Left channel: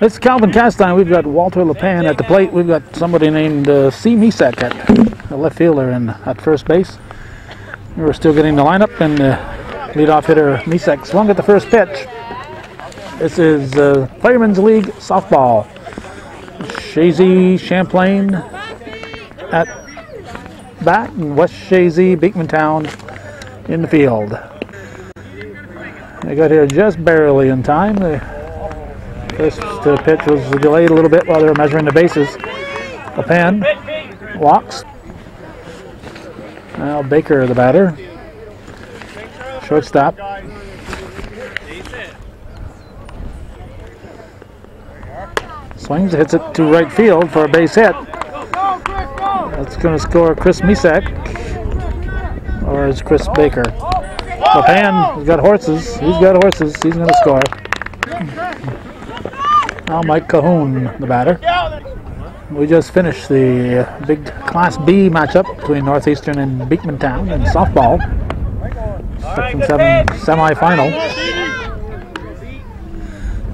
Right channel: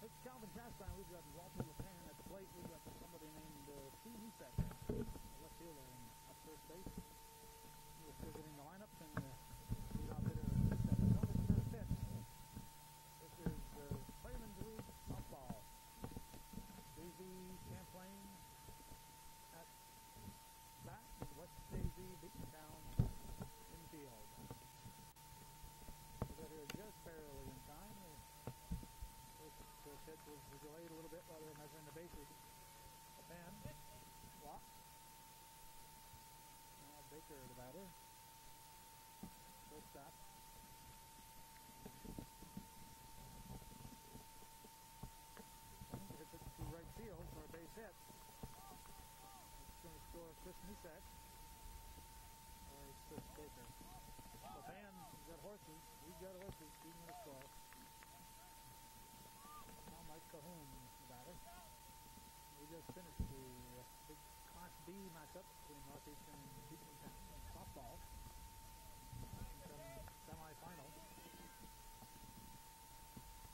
It's Calvin Castine. We've got Walter LePan at the plate. We've got somebody named C. Misak at the left fielder and at first base. We're still getting the lineup, and leadoff hitter Misak swung at the first pitch. This is Fireman's League softball. Chazy Champlain at bat, and West Chazy-B'town in the field. They got here just barely in time. The first pitch was delayed a little bit while they were measuring the bases. LePan walks. Now Baker, the batter. Shortstop. Swings, hits it to right field for a base hit. That's going to score Chris Misak, or is Chris Baker? LePan has got horses. He's got horses. He's going to score. Now Mike Cahoon, the batter. We just finished the big Class B matchup between Northeastern and B'town in softball. Section 7 semifinal.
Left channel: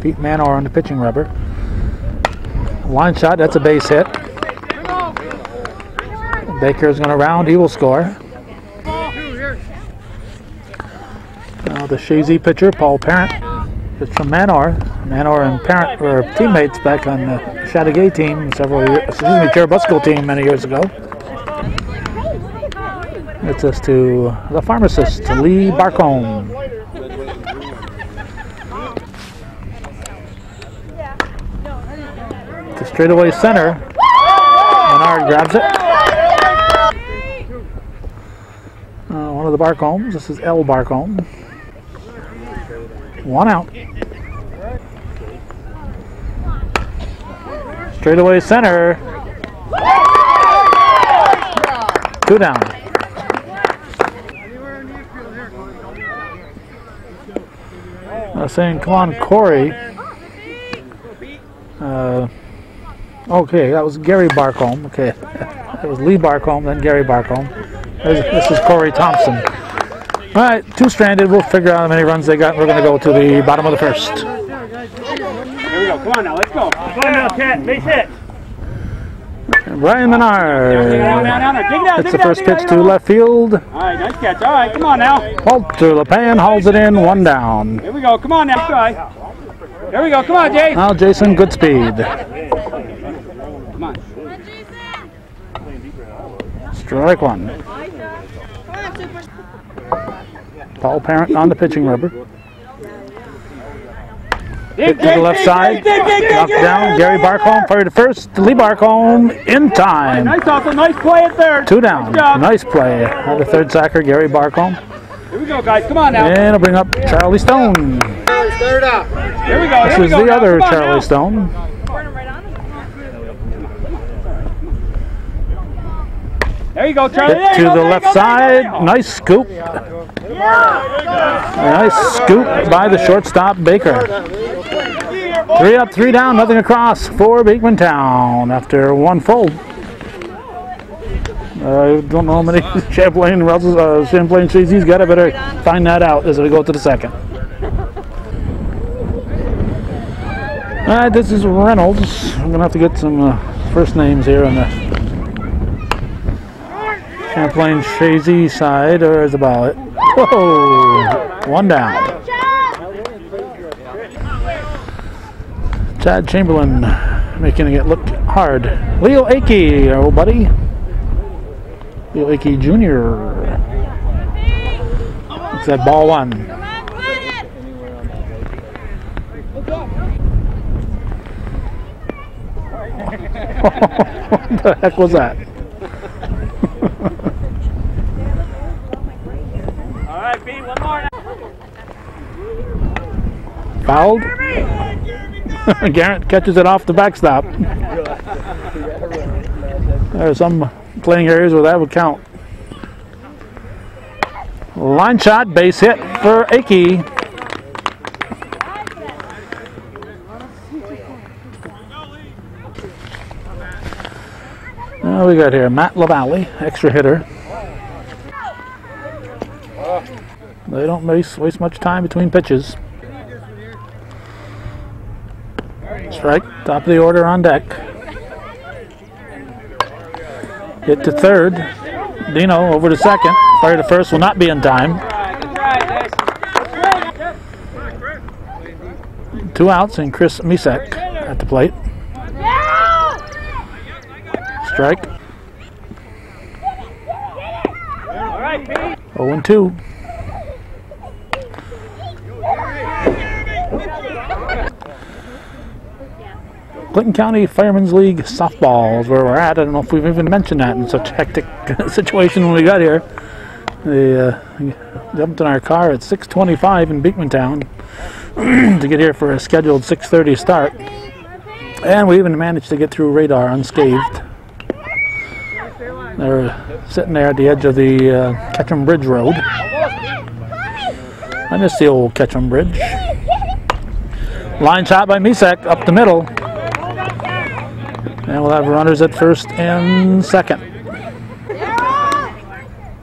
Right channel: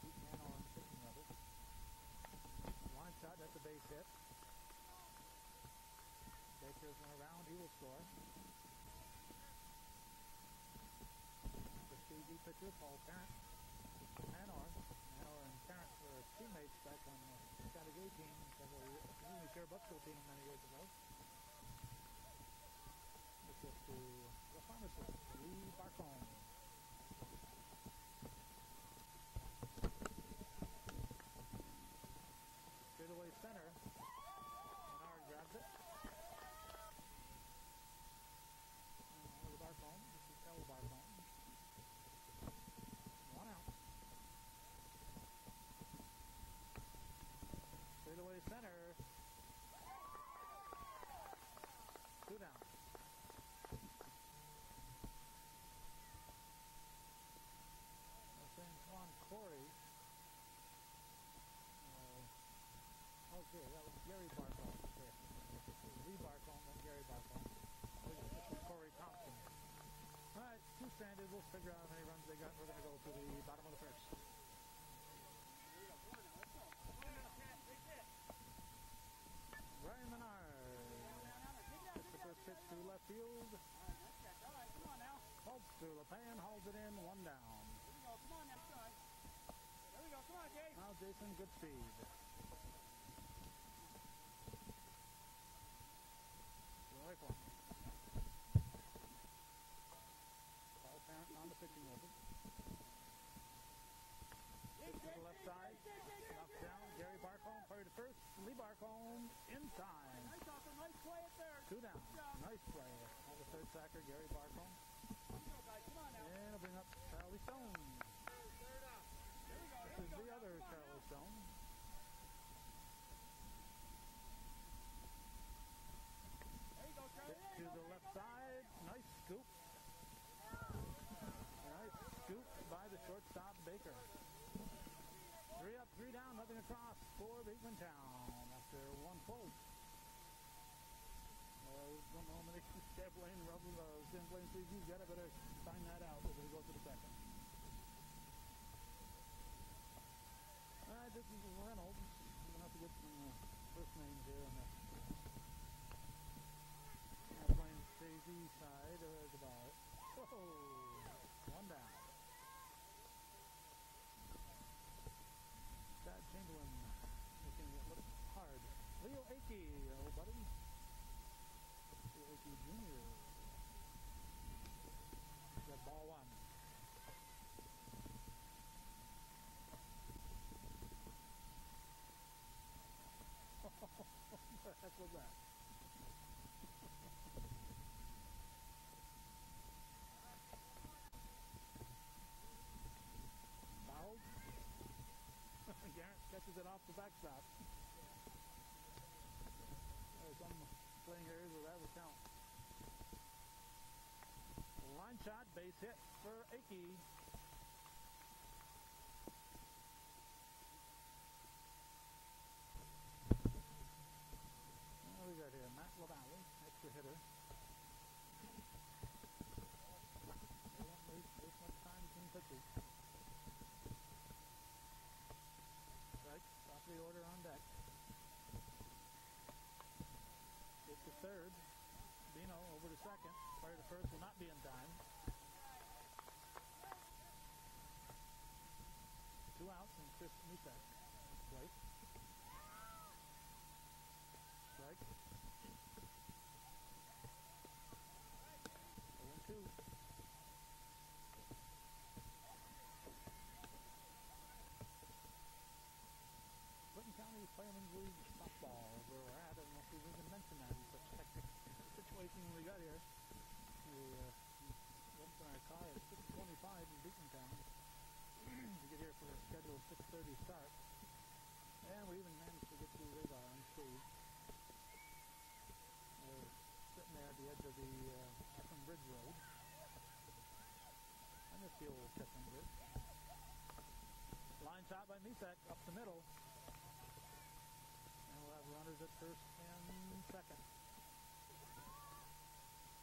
Pete Manor on the pitching rubber. Line shot, that's a base hit. Baker's going to round, he will score. Now the Chazy pitcher, Paul Parent, is from Manor. Manor and Parent were teammates back on the Chateauguay team Cherubusco team many years ago. It's us to the pharmacist, Lee Barcombe. To straightaway center. Menard grabs it. One of the Barcombes. This is L. Barcombe. One out. Straightaway center. Two down. Saying, come on, Corey. Okay, that was Gary Barcombe. Okay, that was Lee Barcombe, then Gary Barcombe. This is Corey Thompson. All right, two stranded. We'll figure out how many runs they got. We're going to go to the bottom of the first. Here we go. Come on now. Let's go. Come on now, Cat. Base hit. Brian Menard. It's the first pitch to left field. All right, nice catch. All right, come on now. Walter LePan hauls it in, one down. Here we go. Come on now. Try. Here we go. Come on, Jay. Now Jason Goodspeed. Come on. Strike one. Paul Parent on the pitching rubber. Hit to the left side. Knocked down. Gary Barcombe fired to first. Lee Barcombe in time. Nice also. Nice play at third. Two down. Nice play. The third sacker, Gary Barcombe. Here we go, guys. Come on now. And I'll bring up Charlie Stone. Third up. Here we go. This is the other Charlie Stone. There you go, Charlie. Hit to the left side. Nice scoop. Nice scoop by the shortstop, Baker. 3 up, 3 down, nothing across for B'town after one full. I don't know how many Champlain Chazy's got. I better find that out as we go to the second. All right, this is Reynolds. I'm going to have to get some first names here on the Champlain Chazy side, or is the ballot? Whoa! One down. Chad Chamberlain making it look hard. Leo Akey, our old buddy. Leo Akey Jr. It's that ball one. What the heck was that? All right, Pete, one more. Fouled. Garrett catches it off the backstop. There are some playing areas where that would count. Line shot, base hit for Akey. We got here Matt LaValle, extra hitter. They don't waste much time between pitches. Strike, top of the order on deck. Hit to third. Dino over to second. Fire to first will not be in time. 2 outs and Chris Misek at the plate. Strike. 0-2. Clinton County Firemen's League softball is where we're at. I don't know if we've even mentioned that in such a hectic situation when we got here. They jumped in our car at 6:25 in Beekmantown to get here for a scheduled 6:30 start. And we even managed to get through radar unscathed. They're sitting there at the edge of the Ketchum Bridge Road. I miss the old Ketchum Bridge. Line shot by Misek up the middle. And we'll have runners at first and second.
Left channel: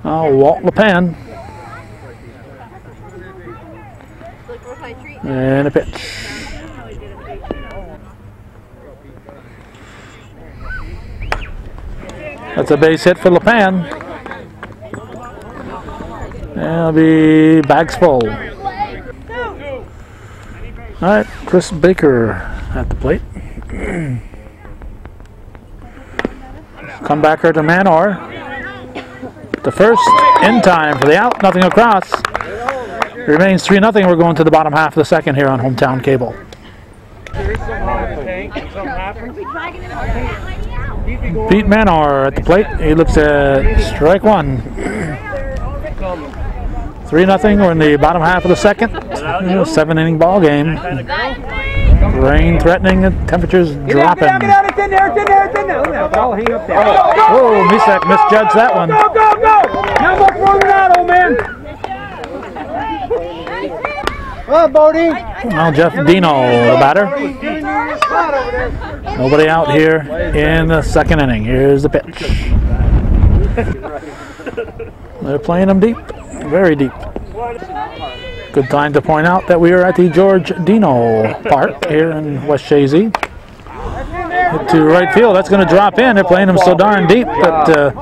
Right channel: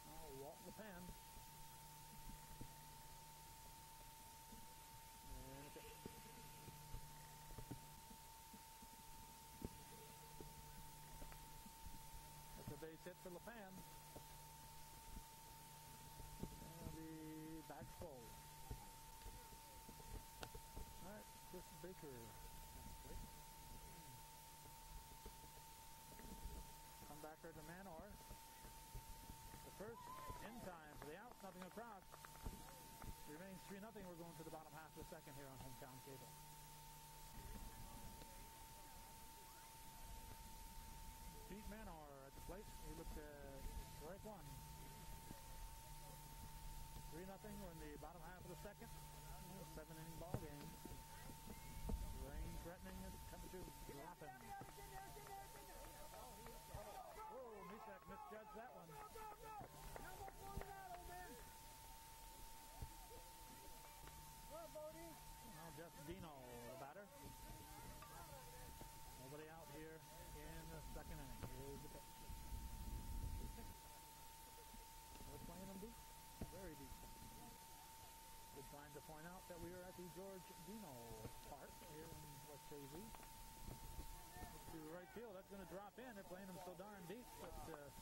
Walt LePan. And a pitch. That's a base hit for LePan. And it'll be bags full. All right, Chris Baker at the plate. Comebacker to Manor. The first in time for the out, nothing across. It remains 3-0. We're going to the bottom half of the second here on Hometown Cable. Pete Manor at the plate. He looks at strike one. 3-0. We're in the bottom half of the second. 7-inning ball game. Rain threatening and temperatures dropping. Get out, it's in there, it's in there, it's in there. I'll hang up there. Oh, Misek misjudged that one. Go, go, go! Now go throw it out, old man. Come on, Bodie. Now Jeff Dino, the batter. Nobody out here in the second inning. Here's the pitch. They're playing them deep, very deep. Good time to point out that we are at the George Dino Park here in West Chazy. To right field, that's going to drop in. They're playing them so darn deep that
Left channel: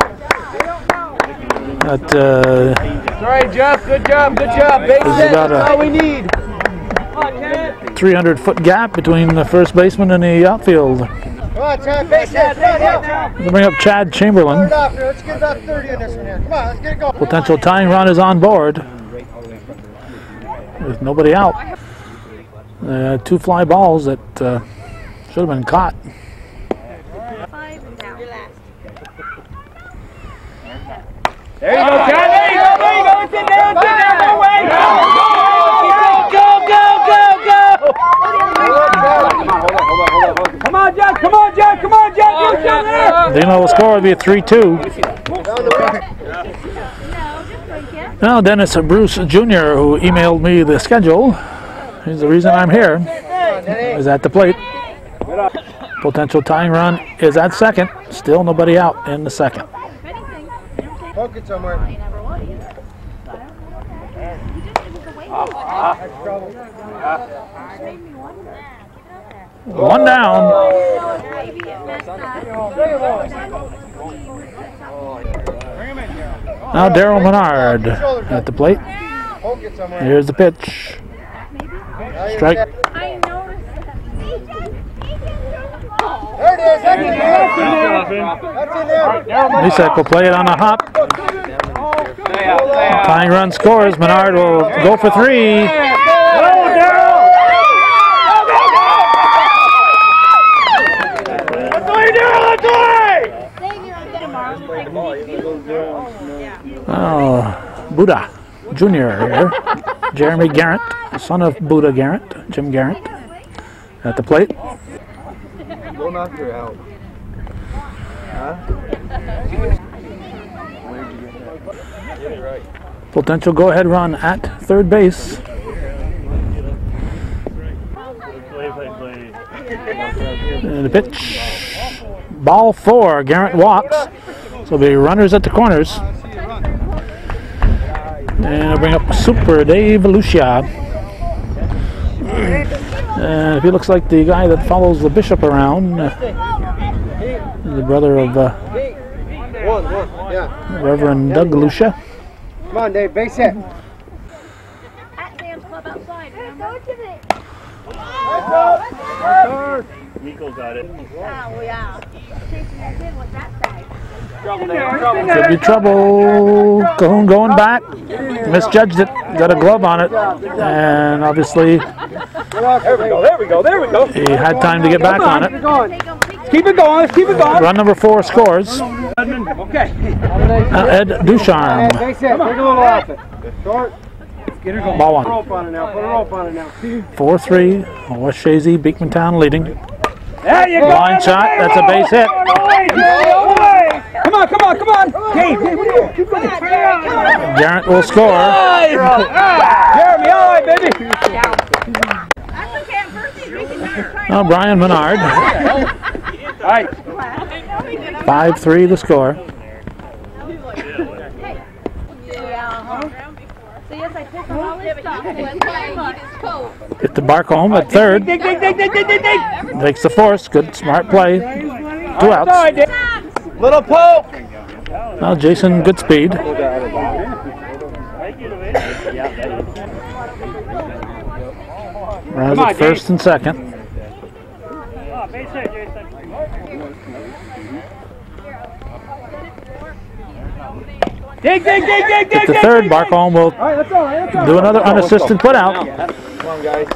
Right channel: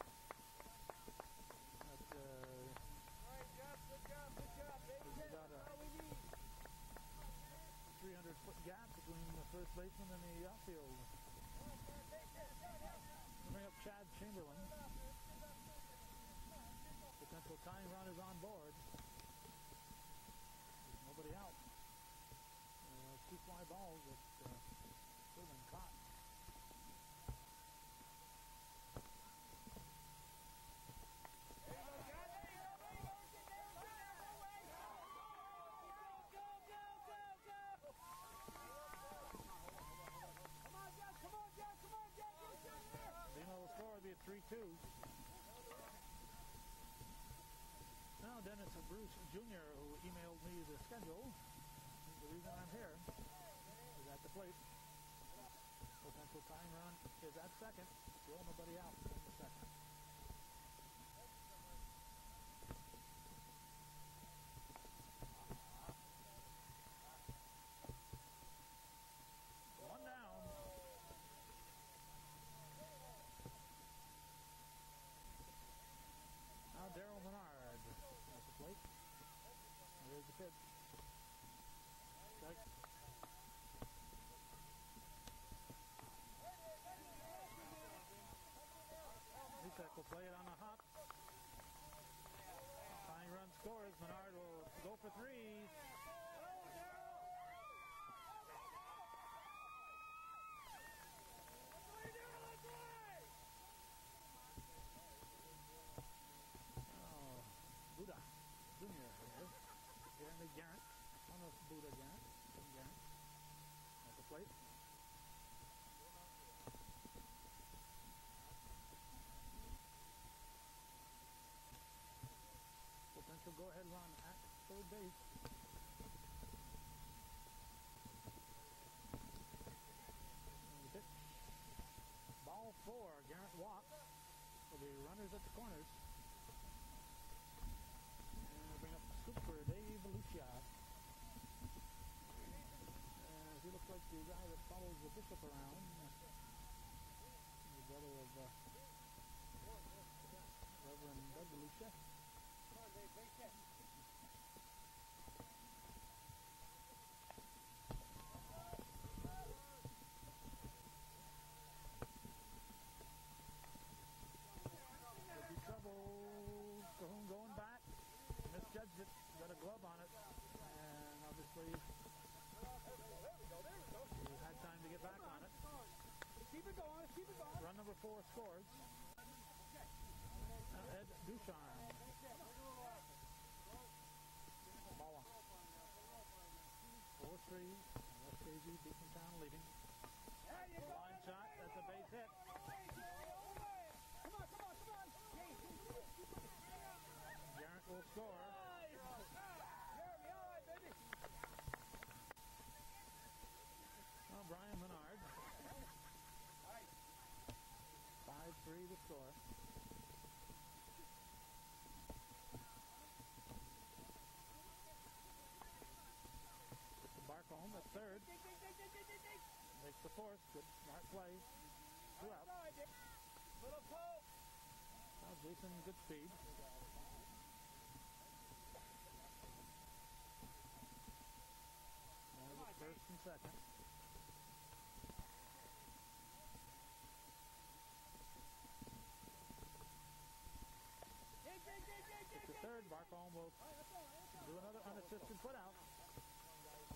Sorry, Jeff. Good job. Good job. Base hit. That's all we need. 300-foot gap between the first baseman and the outfield. Come on, Chad. Base hit. We'll bring up Chad Chamberlain. Let's get about 30 on this one here. Come on, let's get it going. Potential tying run is on board. With nobody out. 2 fly balls that should have been caught. There you go, Chad. There you go. There you go. It's in there. It's in there. No way. Go, go, go, go, go. Come on, Jack. Come on, Jack. Come on, Jack. You're down there. Dino will score. It'll be a 3-2. Now Dennis Bruce Jr., who emailed me the schedule, he's the reason I'm here, is at the plate. Potential tying run is at second. Still nobody out in the second. Poke it somewhere. One down. Now Daryl Menard at the plate. Here's the pitch. Strike. There it is. That's in there. Misek will play it on a hop. Tying run scores. Menard will go for 3. Oh, Buddha Jr. here. Jeremy Garrett, son of Buddha Garrett, Jim Garrett, at the plate. Go knock her out. Potential go-ahead run at third base. And the pitch. Ball 4. Garrett walks. So there'll be runners at the corners. And I'll bring up Super Dave Lucia. And he looks like the guy that follows the bishop around. The brother of Reverend Doug Lucia. Come on, Dave, base hit. Nico got it. Oh, yeah. Could be trouble. Cahoon going back. Misjudged it. Got a glove on it. And obviously There we go, there we go, there we go. he had time to get back on it. Keep it going, let's keep it going. Run number 4 scores. Okay. Ed Ducharme. Base hit, take a little off it. Short. Get her going. Ball 1. Rope on it now, put a rope on it now. 4-3. West Chazy-B'town leading. There you go. Line shot. That's a base hit. Come on, come on, come on. Hey, keep going. Garrett will score. Jeremy, all right, baby. Oh, Brian Menard. All right. 5-3 the score. Hit the Barcombe at third. Dig, dig, dig, dig, dig, dig, dig. Takes the force. Good, smart play. 2 outs. Little poke. Now Jason Goodspeed. Runs at first and second. Dig, dig, dig, dig, Hit the third. Barcombe will do another unassisted putout.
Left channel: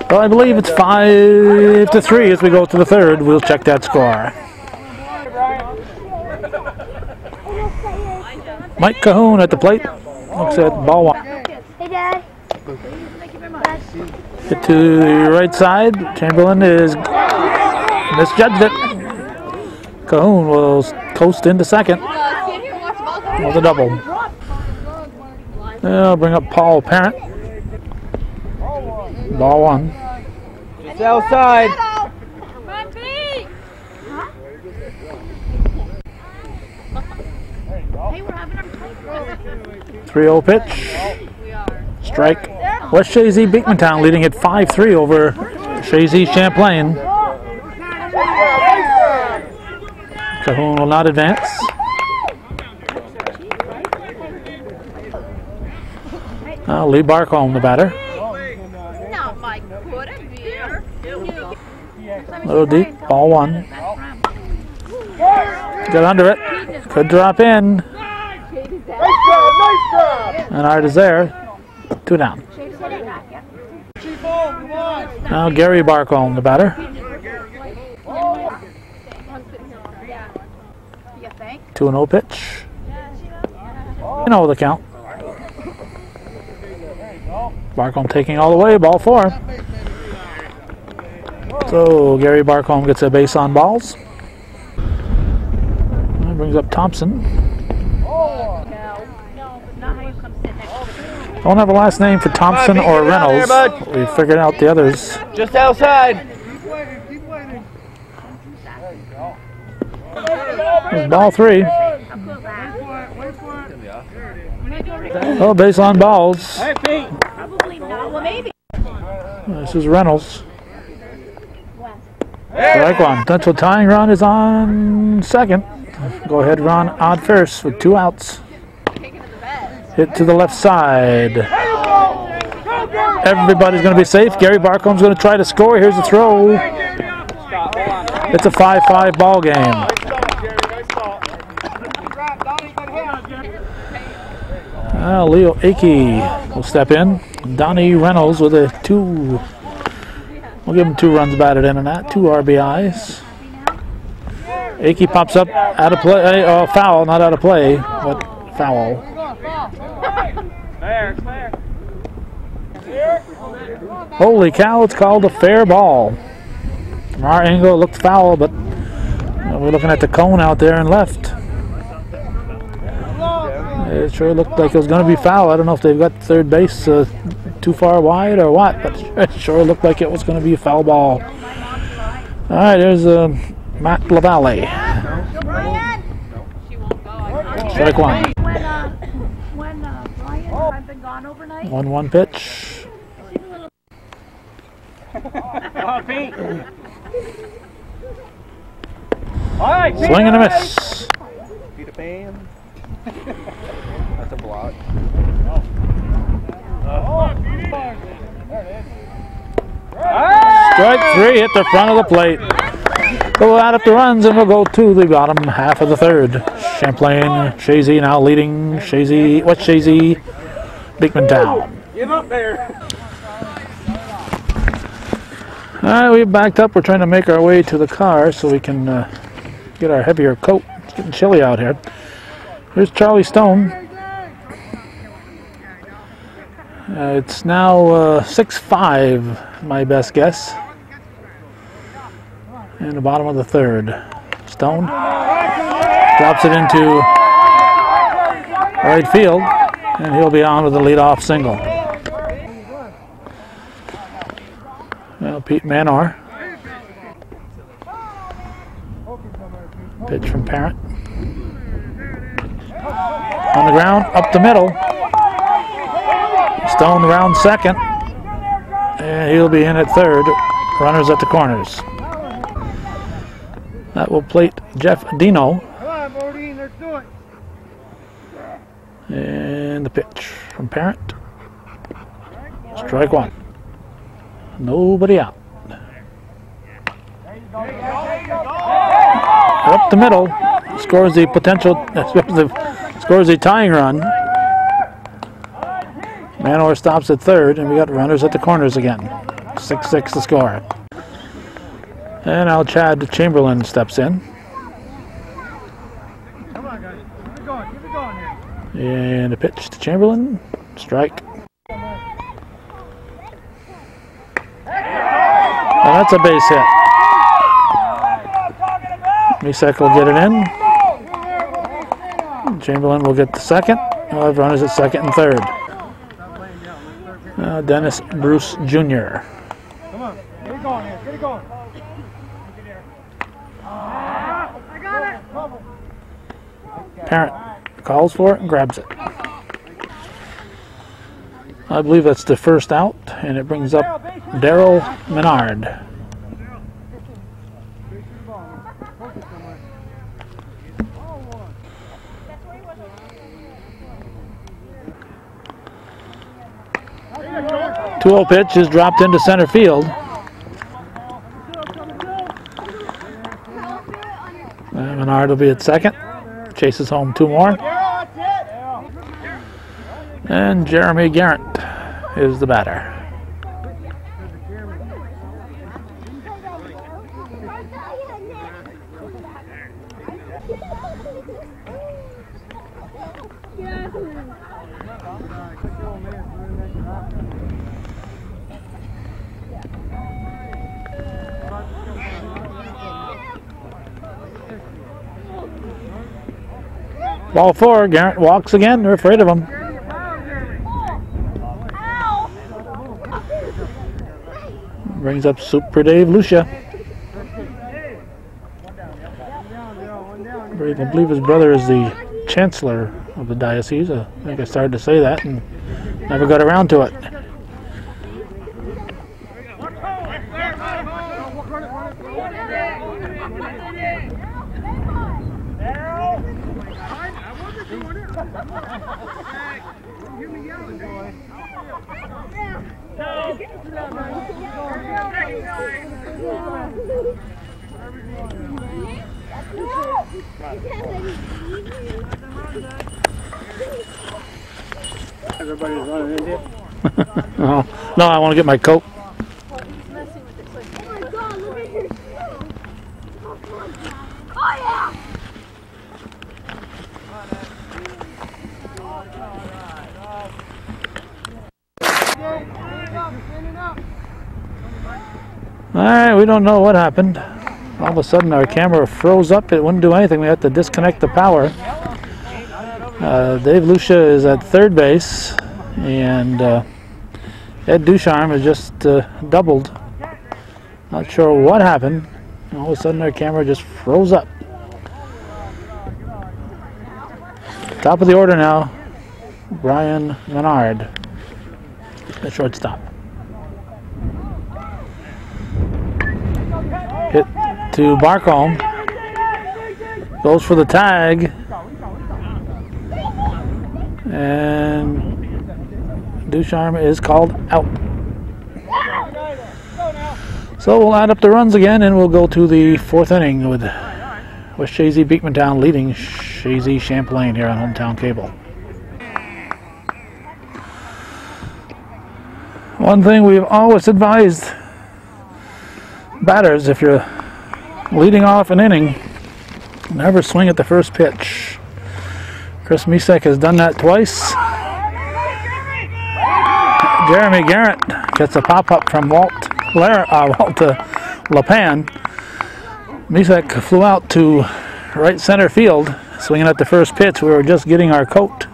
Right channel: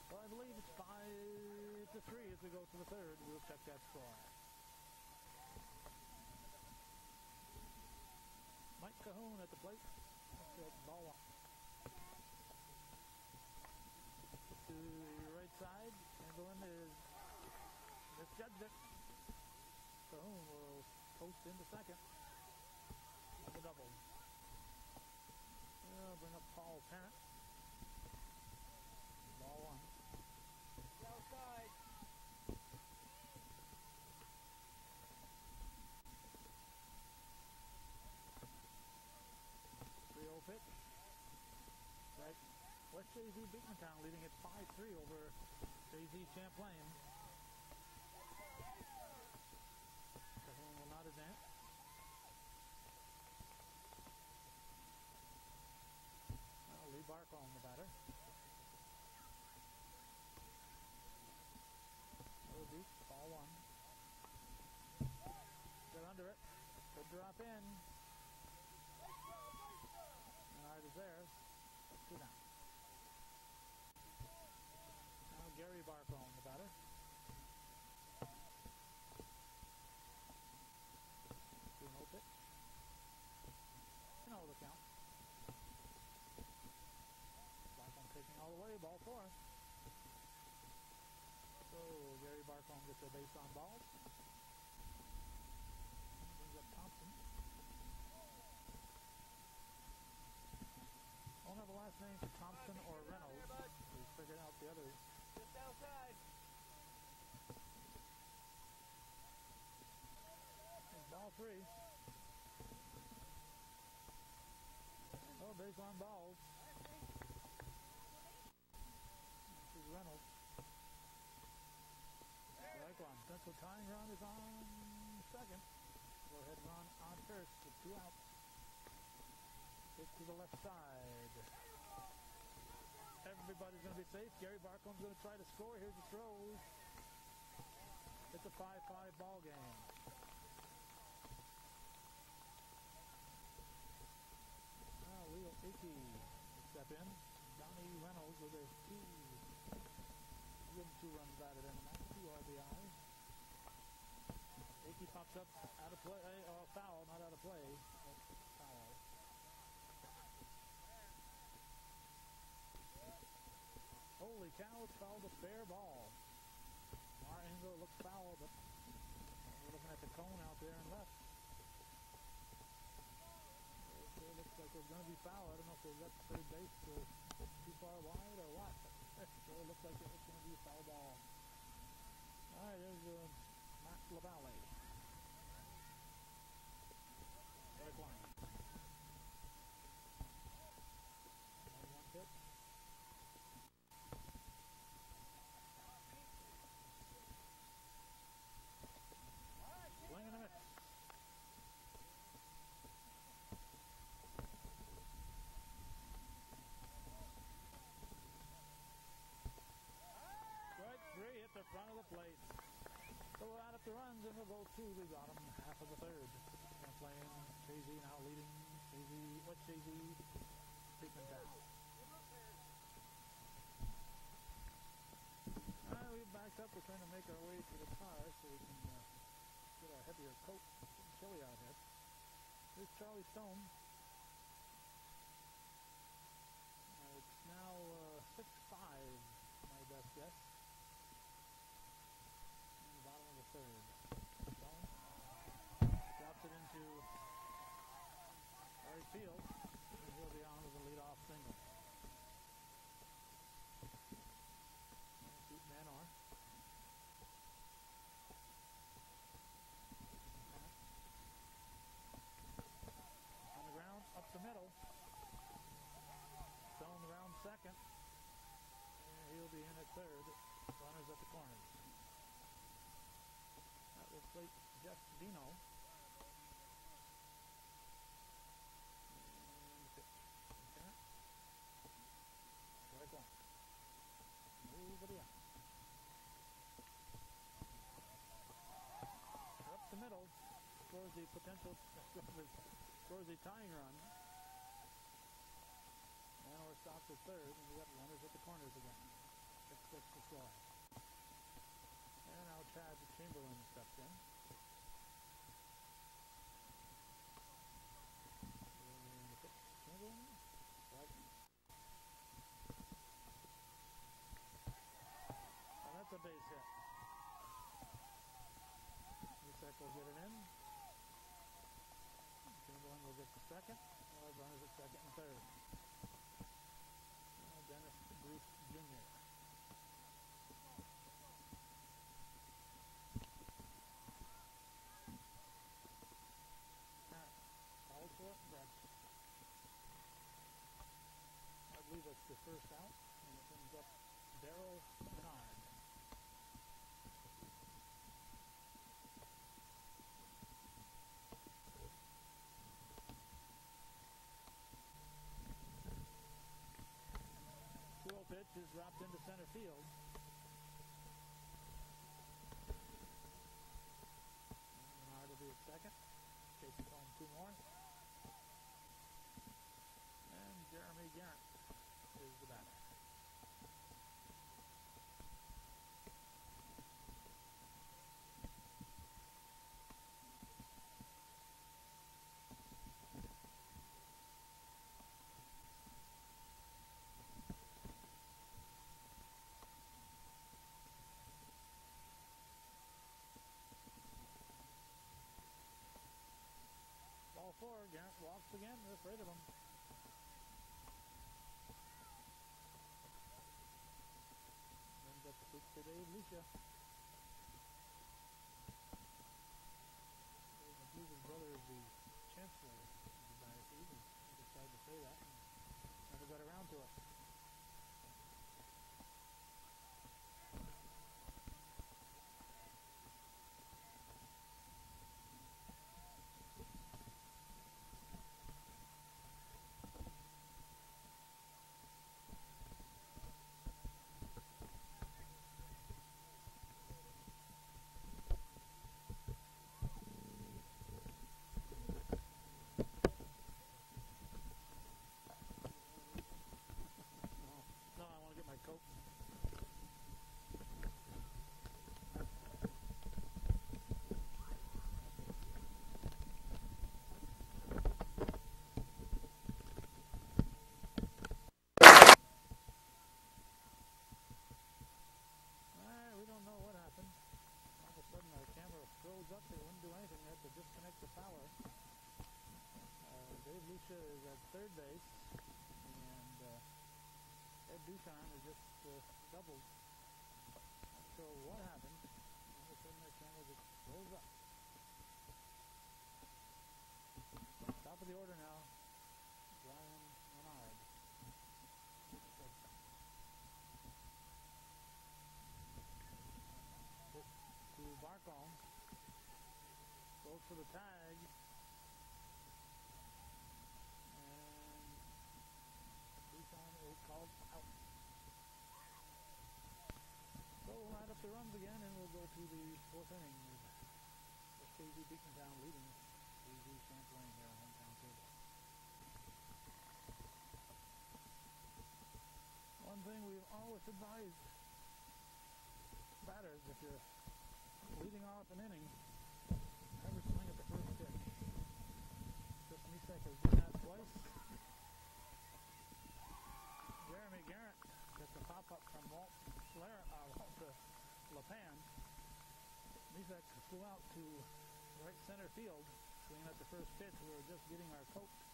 Well, I believe it's 5-3 as we go to the third. We'll check that score. Mike Cahoon at the plate. Looks at ball 1. Hey, Dad. Hit to the right side. Chamberlain is misjudged it. Cahoon will coast into second with a double. I'll bring up Paul Parent. Ball 1. It's outside. 3-0 pitch. Strike. West Chazy-B'town leading at 5-3 over Chazy-Champlain. Cahoon will not advance. Lee Barcombe, the batter. Little deep, ball 1. Get under it. Could drop in. And Art is there. 2 down. Now Gary Barcombe, the batter. 2-0 pitch. You know the count. Barcombe taking all the way, ball 4. So Gary Barcombe gets a base on balls. That brings up Thompson. Don't have a last name for Thompson or Reynolds. We figured out the others. Just outside. There's ball 3. Oh, base on balls. This is Reynolds. Strike 1. Potential tying run is on second. Go ahead, run on first with 2 outs. Hit to the left side. Everybody's going to be safe. Gary Barcombe's going to try to score. Here's the throw. It's a 5-5 ball game. Leo Akey will step in. Donnie Reynolds with a 2. We'll give him 2 runs batted in and that. 2 RBIs. Akey pops up out of play. Foul, not out of play, but foul. Holy cow, it's called a fair ball. From our angle, it looked foul, but we're looking at the cone out there and left. It sure looked like it was going to be foul. I don't know if they've got third base too far wide or what, but it sure looked like it was going to be a foul ball. All right, there's Matt LaValle. Strike 1. 1-1 pitch. on, Pete. All right, Swing and a miss. Peter Pan. That's a block. Strike three at the front of the plate. So we'll add up the runs and we'll go to the bottom half of the third. Champlain, Chazy now leading. Chazy, what's Chazy? Beekman-Town. Give up there. All right, we backed up. We're trying to make our way to the car so we can get our heavier coat. It's getting chilly out here. Here's Charlie Stone. It's now 6-5, my best guess. In the bottom of the third. Stone drops it into right field, and he'll be on with the leadoff single. Well, Pete Manor. Pitch from Parent. On the ground, up the middle. Stone round second, and he'll be in at third. Runners at the corners. That will plate Jeff Dino. Come on, Bodine, let's do it. And the pitch from Parent. Strike one. Nobody out. Up the middle. Scores the potential, scores the tying run. Manor stops at third, and we got runners at the corners again. 6-6 the score. And now Chad Chamberlain steps in. Come on, guys. Keep it going here. And a pitch to Chamberlain. Strike. Now that's a base hit. Misek will get it in. Chamberlain will get the second. We'll have runners at second and third. Dennis Bruce Jr. Come on. Get it going here. Get it going. I got it. Parent calls for it and grabs it. I believe that's the first out, and it brings up Daryl Menard. The 2-0 pitch is dropped into center field. Menard will be at second. Chases home two more. And Jeremy Garrett is the batter. Ball four, Garrett walks again. They're afraid of him. Brings up Super Dave Lucia. I believe his brother is the chancellor of the diocese. I think I started to say that and never got around to it. Everybody's running in here. No, I want to get my coat. Alright, we don't know what happened. All of a sudden our camera froze up. It wouldn't do anything. We had to disconnect the power. Dave Lucia is at third base, and Ed Ducharme has just doubled. Not sure what happened. All of a sudden our camera just froze up. Top of the order now, Brian Menard, the shortstop. Hit to Barcombe. Goes for the tag. And Ducharme is called out. So we'll add up the runs again, and we'll go to the 4th inning with Chazy-B'town leading Chazy Champlain here on Hometown Cable. One thing we've always advised batters, if you're leading off an inning, never swing at the first pitch. Chris Misek has done that twice. Jeremy Garrett gets a pop-up from Walt LePan. Misek flew out to right center field, swinging at the first pitch. We were just getting our coat.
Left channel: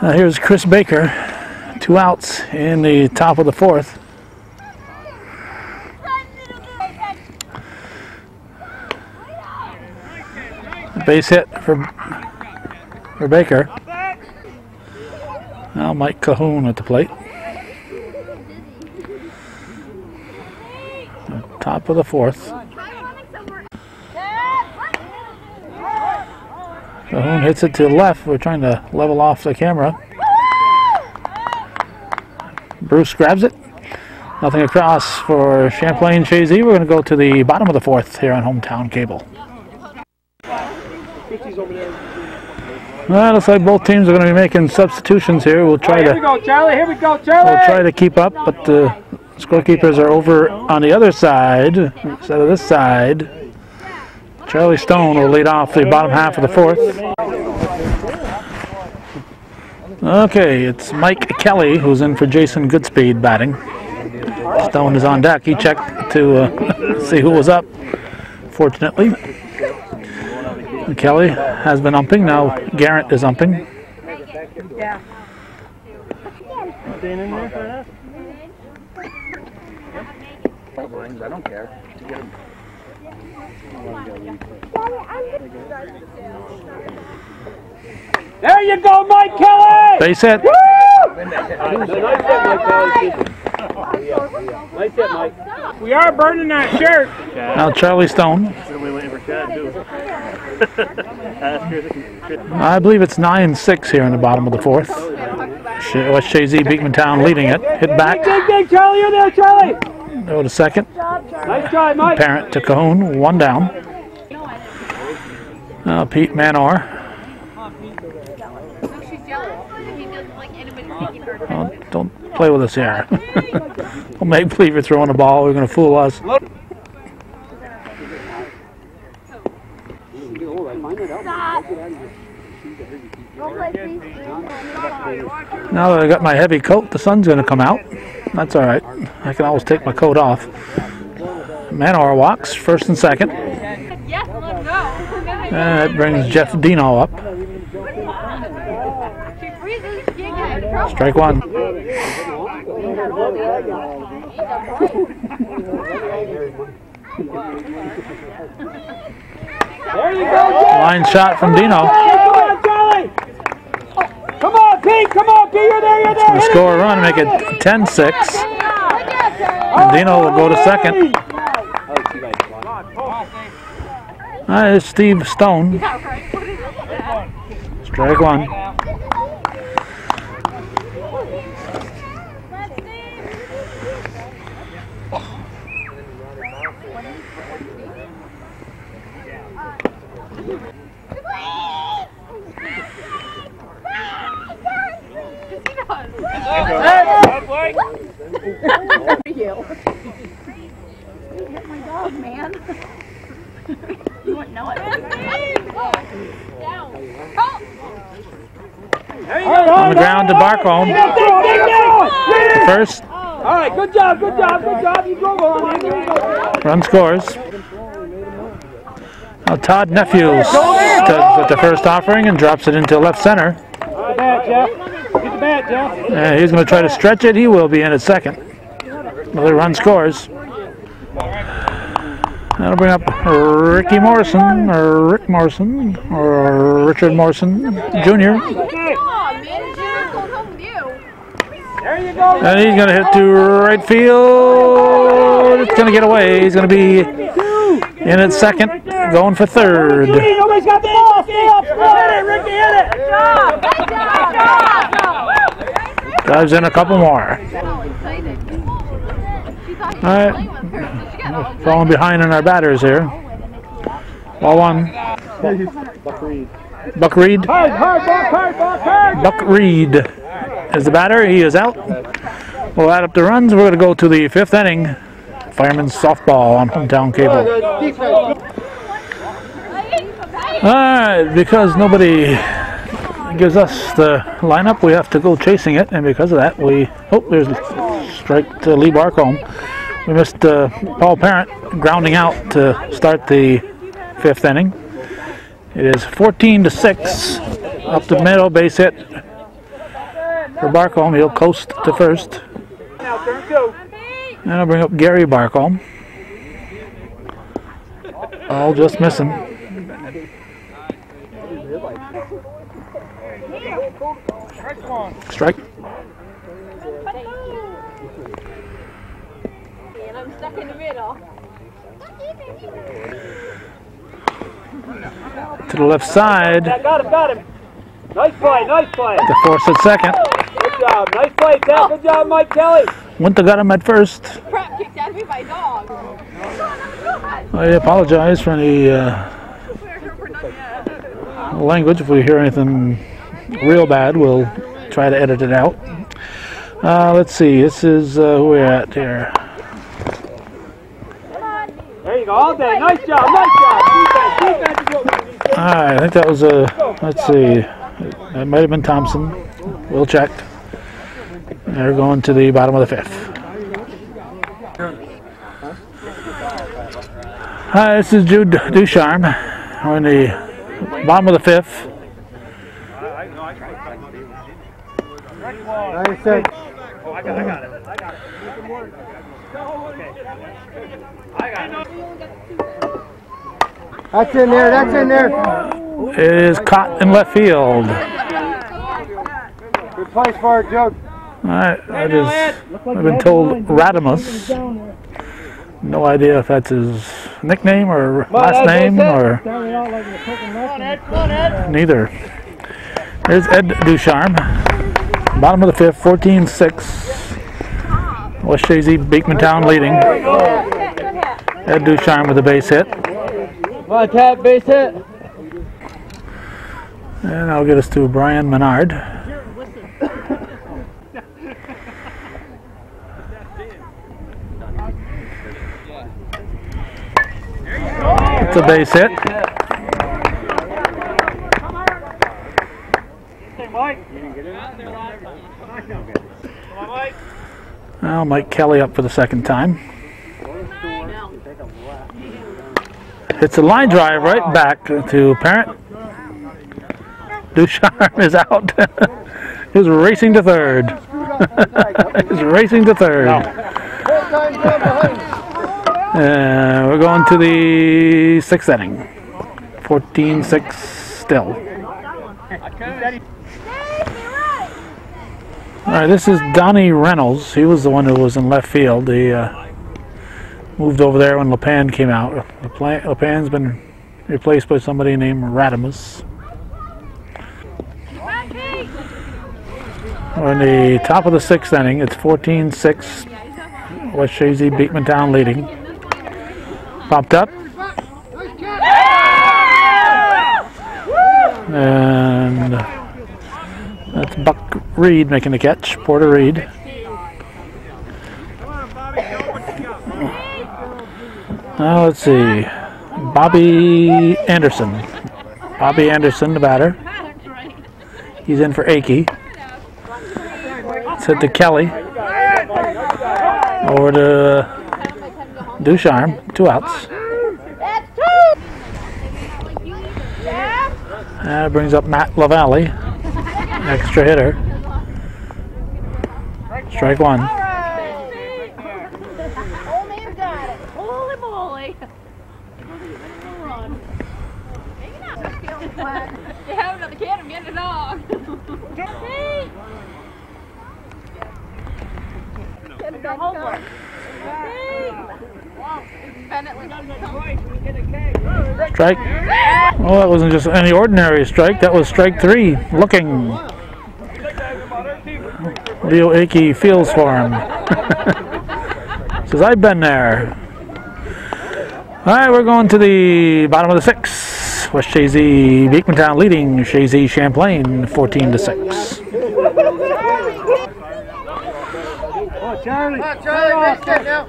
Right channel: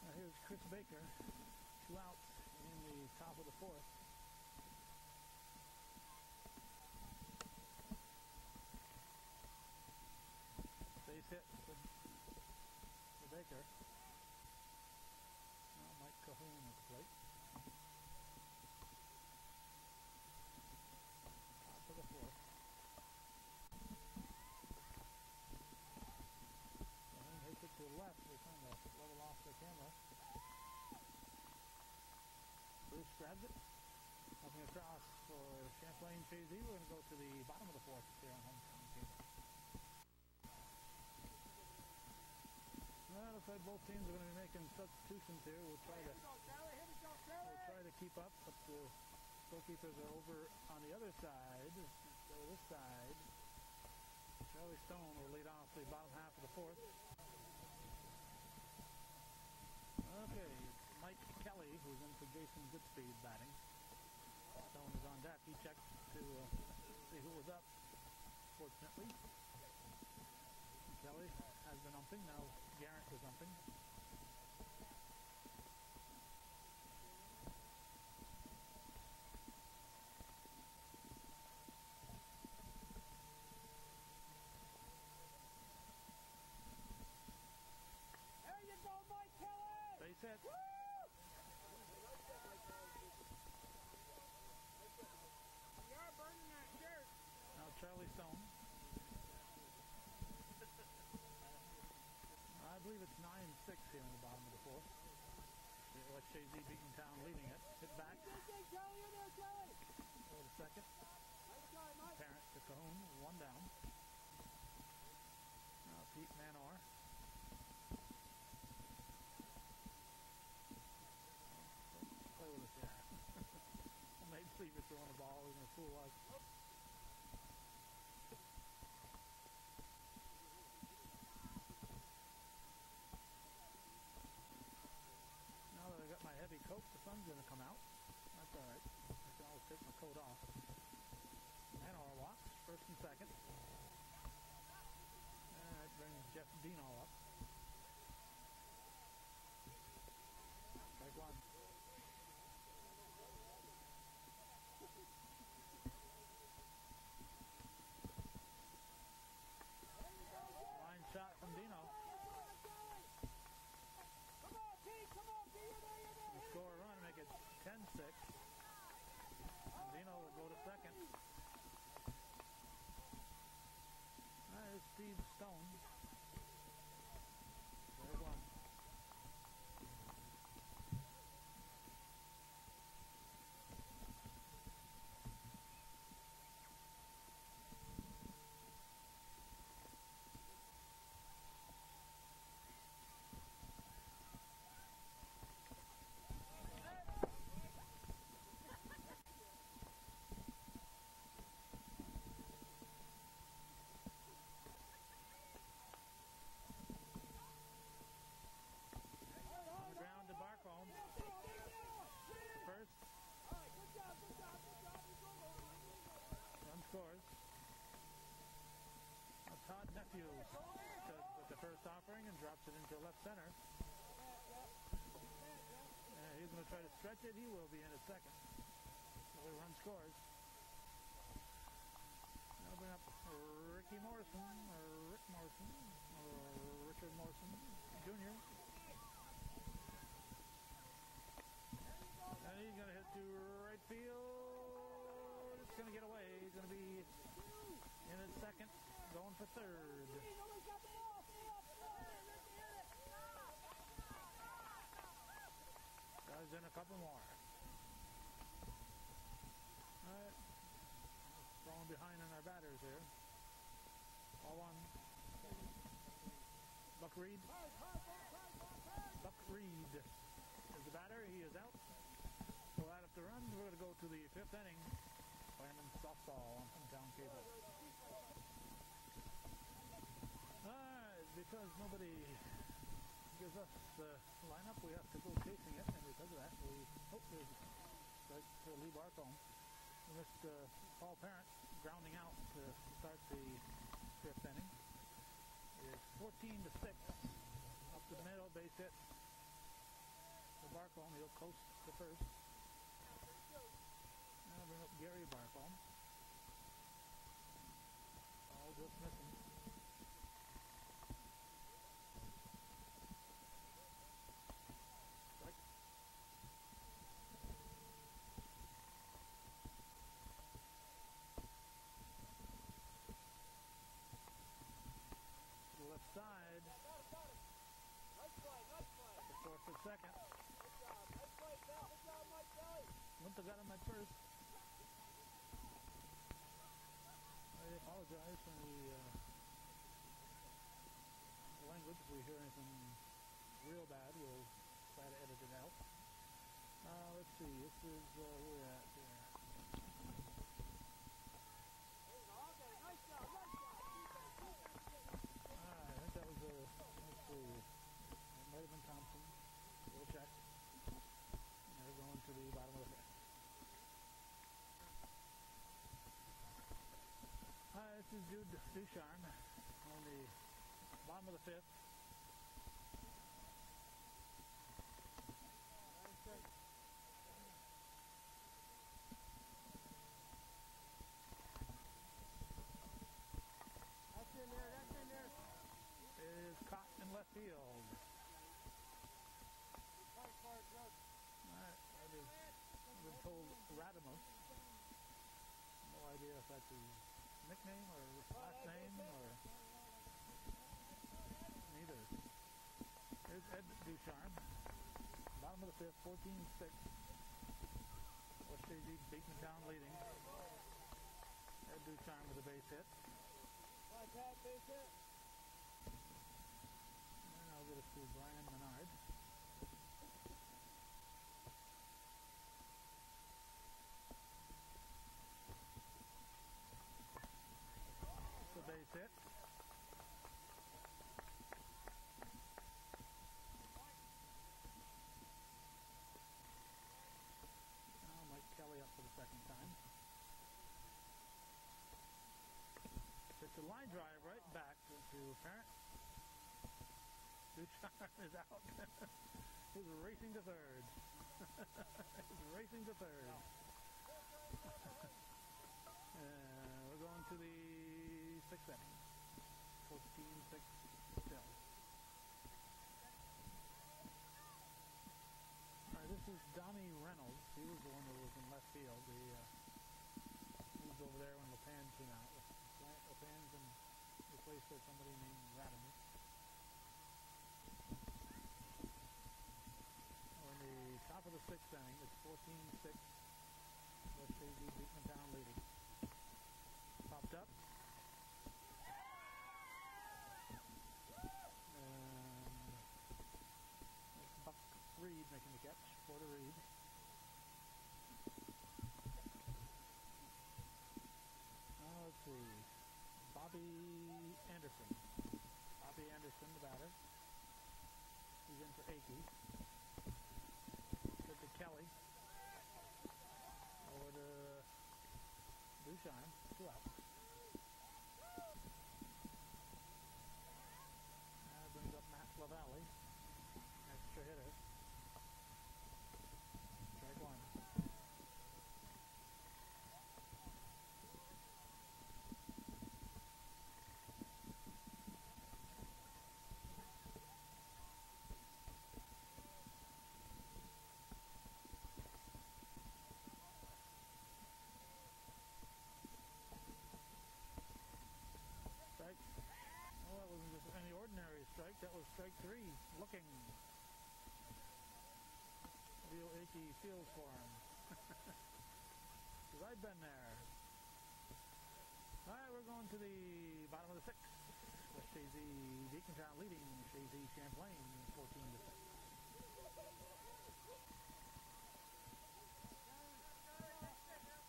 Here's Chris Baker, 2 outs in the top of the 4th. Base hit for Baker. Now Mike Cahoon at the plate. Top of the 4th. Cahoon hits it to the left. We're trying to level off the camera. Bruce grabs it. Nothing across for Champlain Chazy. We're going to go to the bottom of the 4th here on Hometown Cable. Well, looks like both teams are going to be making substitutions here. We'll try to. Here we go, Charlie. Here we go, Charlie. We'll try to keep up, but the scorekeepers are over on the other side instead of this side. Charlie Stone will lead off the bottom half of the 4th. Okay, it's Mike Kelly who's in for Jason Goodspeed batting. Stone is on deck. He checked to see who was up. Fortunately, Kelly has been umping. Now Garrett is umping. Yeah. I don't care. There you go, Mike Kelly! Base hit. Woo! Nice hit, Mike. We are burning that shirt. Now Charlie Stone. I believe it's 9-6 here in the bottom of the 4th. West Chazy-B'town leading it. Hit back. Dig, Charlie, you're there, Charlie. Go to second. Nice try, Mike. Parent to Cahoon, 1 down. Now Pete Manor. Oh, don't play with us here. Don't make believe you're throwing the ball. We're going to fool us. Now that I got my heavy coat, the sun's going to come out. That's all right. I can always take my coat off. Manor walks, 1st and 2nd. And that brings Jeff Dino up. Strike 1. There you go, Jeff. Line shot from Dino. Come on, Charlie. Come on, Pete. Come on, Pete. You're there. You're there. To score a run, make it 10-6. And Dino will go to second. There's Steve Stone. Strike 1. You hit my dog, man. You wouldn't know it. On the ground to Barcombe. First. All right, good job. You drove on. Run scores. Now Todd Nephew stood with the first offering and drops it into left center. Get the bat, Jeff. Get the bat, Jeff. He's going to try to stretch it. He will be in at second. Another run scores. That'll bring up Ricky Morrison, or Rick Morrison, or Richard Morrison Jr. There you go. And he's going to hit to right field. It's going to get away. He's going to be in at second, going for third. Nobody's got the ball. Stay up. Hit it, Ricky. Hit it. Good job. Dives in a couple more. All right. Falling behind in our batters here. Ball one. Buck Reed. Buck Reed is the batter. He is out. We'll add up the runs. We're going to go to the fifth inning. Fireman's softball on Hometown Cable. All right, because nobody gives us the lineup, we have to go chasing it, and because of that, there's a strike to Lee Barcombe. We missed Paul Parent grounding out to start the fifth inning. It is 14-6 up the middle, base hit for Barcombe. He'll coast to first. And I'll bring up Gary Barcombe. All just missing. Strike. And I'm stuck in the middle. To the left side. Got him. Nice play. To force at second. Good job. Nice play, Ted. Good job, Mike Kelly. Wouldn't have got him at first. Crap kicked out of me by dog. I apologize for any language. If we hear anything real bad, we'll try to edit it out. Let's see. This is who we're at here. There you go. All day. Nice job. Defense is what we need. All right, I think that was let's see. That might have been Thompson. We'll check. They're going to the bottom of the fifth. Hi, this is Jude Ducharme. We're in the bottom of the fifth. I got it. That's in there. It is caught in left field. Good place for it, Joe. All right, I've been told Radimus. No idea if that's his nickname or last name or neither. There's Ed Ducharme. Bottom of the fifth, 14-6. West Chazy-B'town leading. Ed Ducharme with a base hit. Come on, Tab, base hit. And that'll get us to Brian Menard. It's a base hit. Now Mike Kelly up for the second time. It's a line drive right back to Parent. Ducharme is out. He's racing to third. He's racing to third. We're going to the sixth inning. 14-6 still. All right, this is Donnie Reynolds. He was the one who was in left field. He moved over there when LePan came out. LePan's been replaced by somebody named Radimus. We're in the top of the sixth inning. It's 14-6. West Chazy-B'town leading. Popped up. And that's Buck Reed making the catch. Porter Reed. Now let's see. Bobby Anderson. Bobby Anderson, the batter. He's in for Akey. It's hit to Kelly. Over to Ducharme. 2 outs. That brings up Matt LaValle. Extra hitter. Strike one. Strike. Oh, that wasn't just any ordinary strike. That was strike 3. Looking. Leo Akey feels for him. Says, I've been there. All right, we're going to the bottom of the 6th. West Chazy-B'town leading Chazy Champlain 14-6.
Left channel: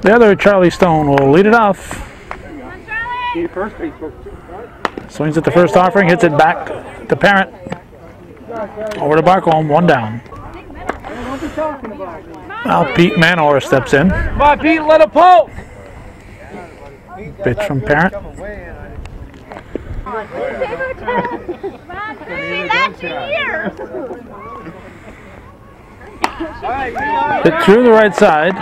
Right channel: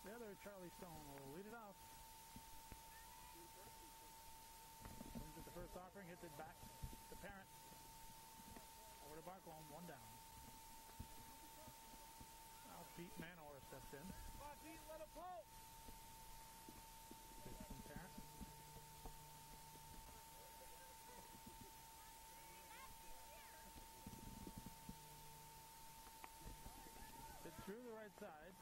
The other Charlie Stone will lead it off. Swings at the first offering, hits it back to Parent. Over to Barcombe, 1 down. Now Pete Manor steps in. Come on, Pete, let it pull. Pitch from Parent. Hit through the right side.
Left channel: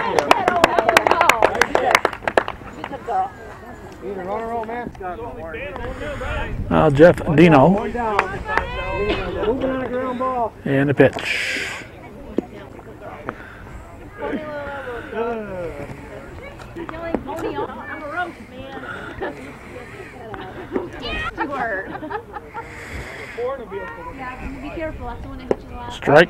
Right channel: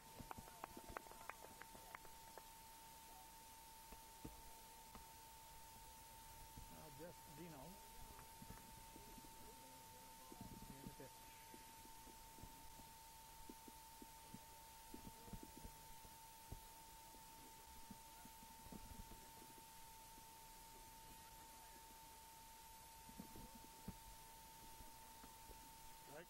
Now Jeff Dino. And the pitch. Strike.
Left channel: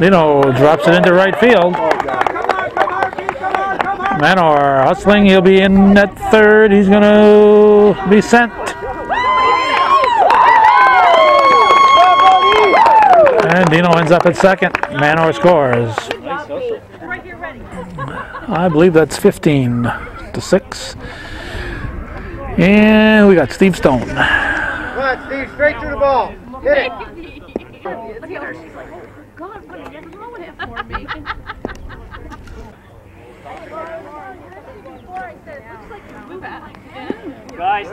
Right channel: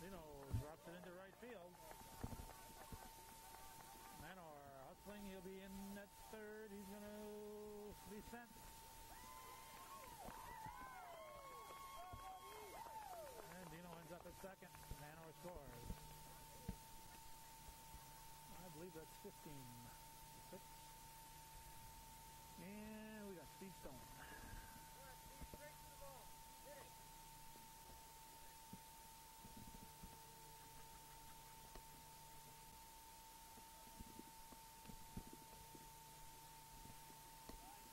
Dino drops it into right field. Manor hustling. He'll be in at third. He's going to be sent. And Dino ends up at second. Manor scores. I believe that's 15-6. And we got Steve Stone. Come on, Steve, straight through the ball. Hit it. Look at her, she's like, God, what is wrong with it for me? Guys,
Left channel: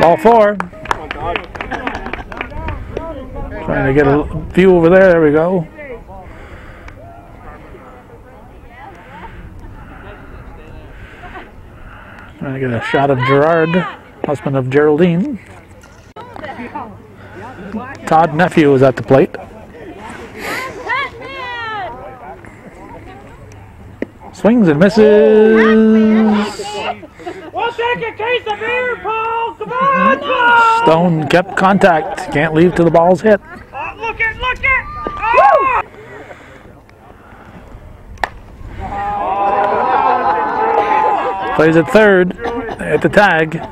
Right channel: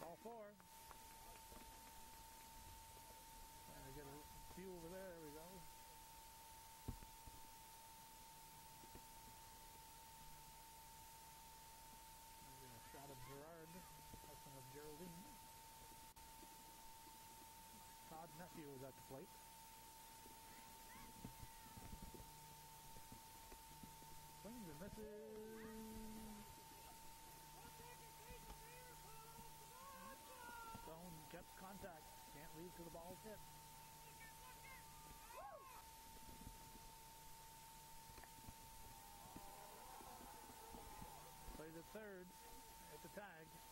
Ball 4. Trying to get a view over there. There we go. Trying to get a shot of Gerard, husband of Geraldine. Todd Nephew is at the plate. Swings and misses. we'll take a case of beer, Paul. Come on, Paul. Stone kept contact. Can't leave till the ball's hit. Oh, look it, look it. Oh! Plays at third at the tag.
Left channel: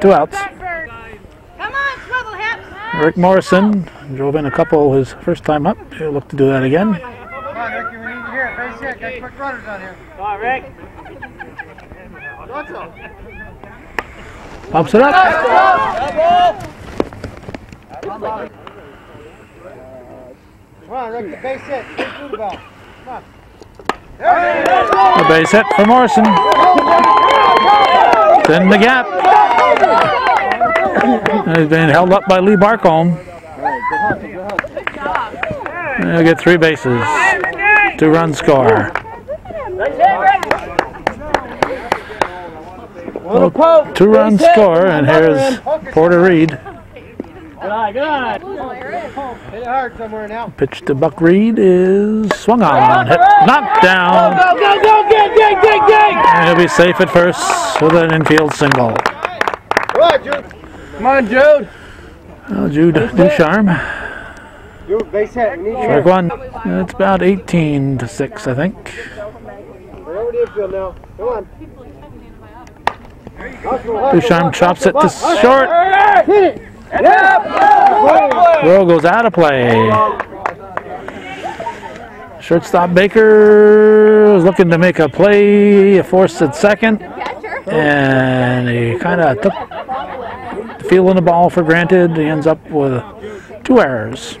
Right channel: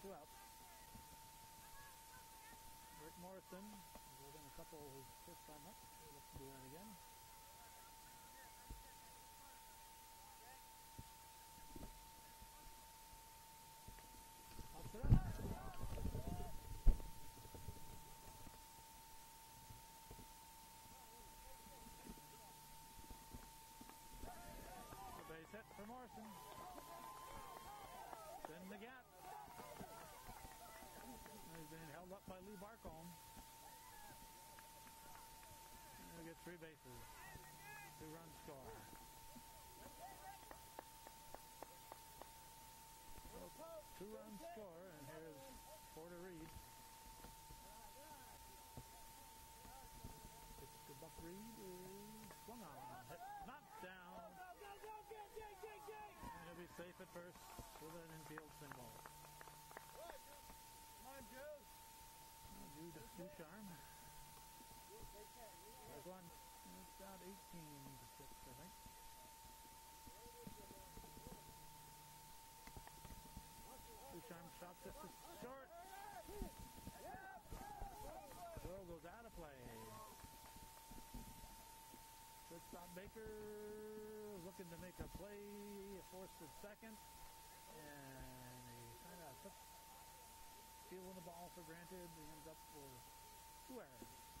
2 outs. Come on, swivel hips. Rick Morrison drove in a couple his first time up. He'll look to do that again. Come on, Ricky, we need you here. Base hit. Got quick runners on here. Come on, Rick. What's up? Pumps it up. Come on, Rick, the base hit. Straight through the ball. Come on. There it is. The base hit for Morrison. It's in the gap. He's been held up by Lee Barcombe. He'll get 3 bases. 2-run score. Well, 2-run score, and here's Porter Reed. Good eye, good eye. Hit it hard somewhere now. Pitch to Buck Reed is swung on, hit, knocked down. Go, go, go, dig, dig, dig, dig. And he'll be safe at first with an infield single. Come on, Jude. Come on, Jude. Well, Jude Ducharme. Jude, base hit. We need you Strike here. 1. It's about 18-6, I think. We're over the infield now. Come on. Ducharme chops it to short. Hit it. Throw goes out of play. Shortstop Baker was looking to make a play, forced at second, and he kind of took the feel of the ball for granted. He ends up with 2 errors.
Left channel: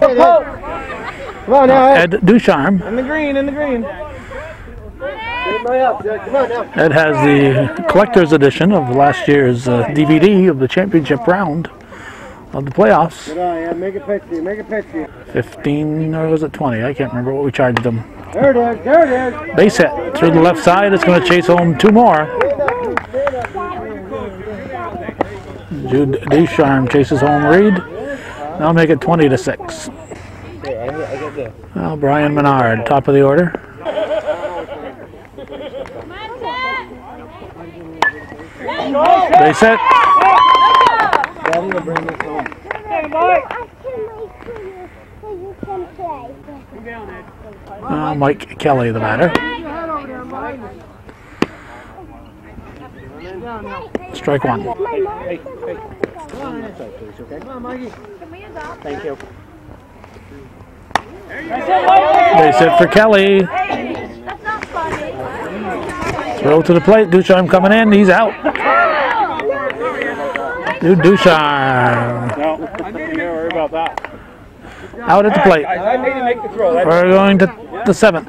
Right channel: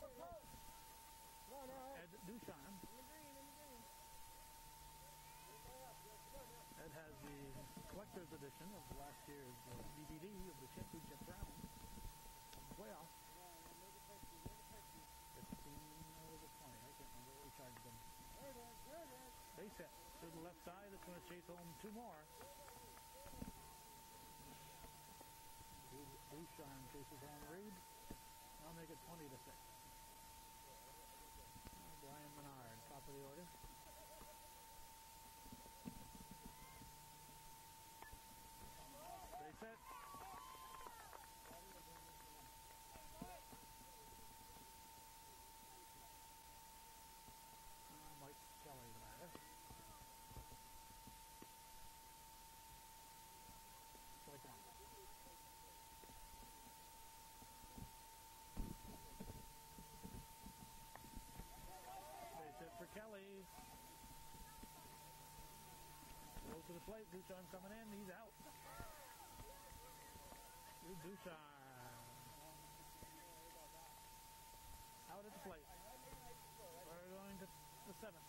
Come on now, Ed. Ed Ducharme. In the green, in the green. Get my up, Jed. Come on now. Ed has the collector's edition of last year's DVD of the championship round of the playoffs. Good eye, Ed. Make it pitch to you. Make it pitch to you. 15, or was it 20? I can't remember what we charged him. There it is. There it is. Base hit through the left side. It's going to chase home 2 more. Jude Ducharme chases home Reed. That'll make it 20-6. I got this. Well, Brian Menard, top of the order. Base hit. Mike Kelly, the batter. Strike one. Thank you. Base hit for Kelly. Throw to the plate. Ducharme coming in. He's out. Ducharme. No, don't worry about that. Out at the plate. I made him make the throw. We're going to the 7th.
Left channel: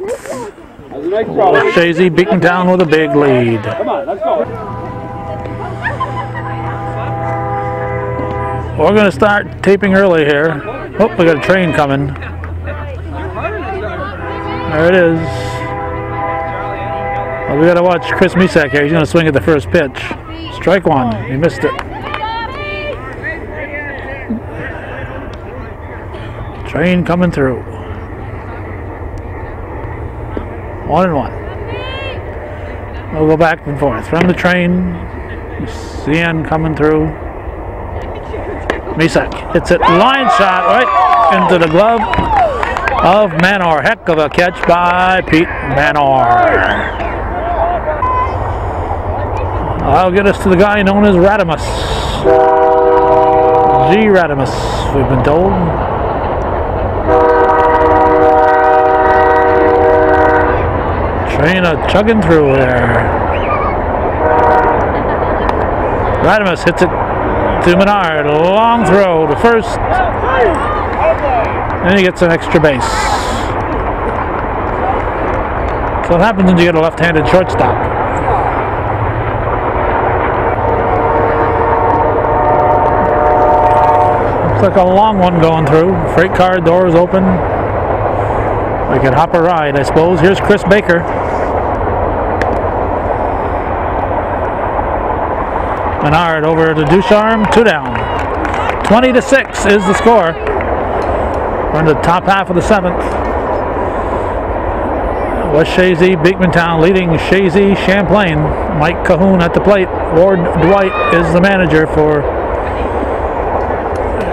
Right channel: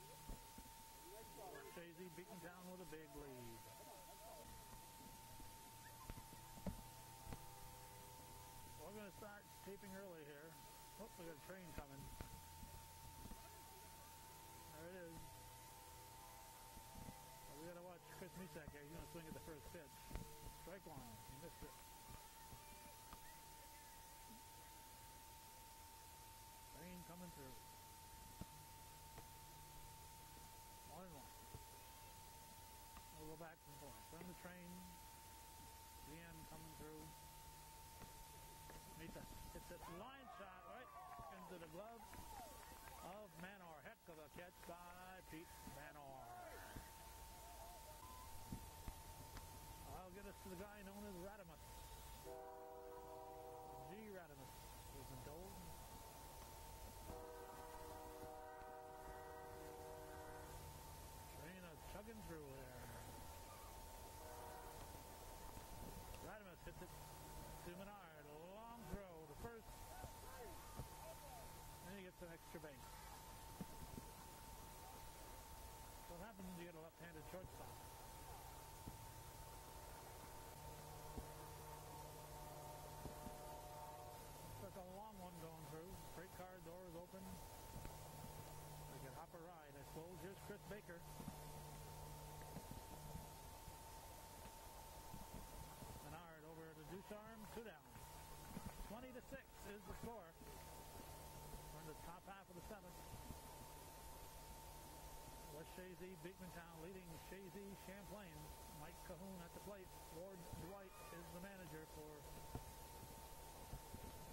Chazy-B'town with a big lead. Come on, let's go. We're going to start taping early here. Oh, we got a train coming. There it is. Well, we got to watch Chris Misak here. He's going to swing at the first pitch. Strike one. He missed it. Train coming through. 1-1. We'll go back and forth. From the train, CN coming through. Misak hits it. Line shot right into the glove of Manor. Heck of a catch by Pete Manor. That'll get us to the guy known as Radimus. G. Radimus, we've been told. Train chugging through there. Radimus hits it to Menard. Long throw to first. And he gets an extra base. So what happens when you get a left-handed shortstop? Looks like a long one going through. Freight car doors open. We can hop a ride, I suppose. Here's Chris Baker. Menard over to Ducharme, 2 down. 20-6 is the score. We're in the top half of the 7th. West Chazy-B'town leading Chazy Champlain. Mike Cahoon at the plate. Ward Dwight is the manager for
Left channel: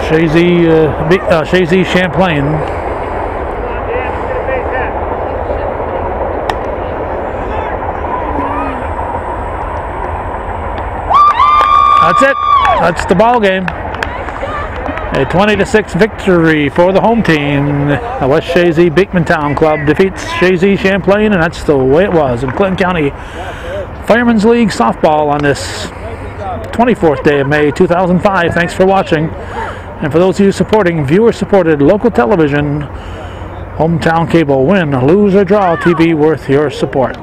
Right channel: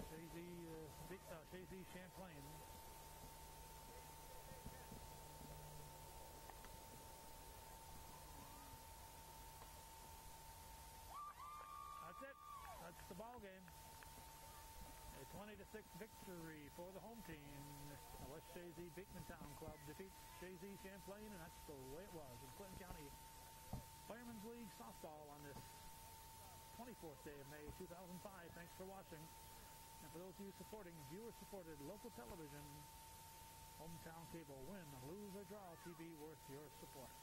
Chazy Champlain. That's it. That's the ball game. A 20-6 victory for the home team. The West Chazy-B'town club defeats Chazy Champlain, and that's the way it was in Clinton County Firemen's League softball on this 24th day of May 2005. Thanks for watching. And for those of you supporting viewer-supported local television, hometown cable, win, lose, or draw TV worth your support.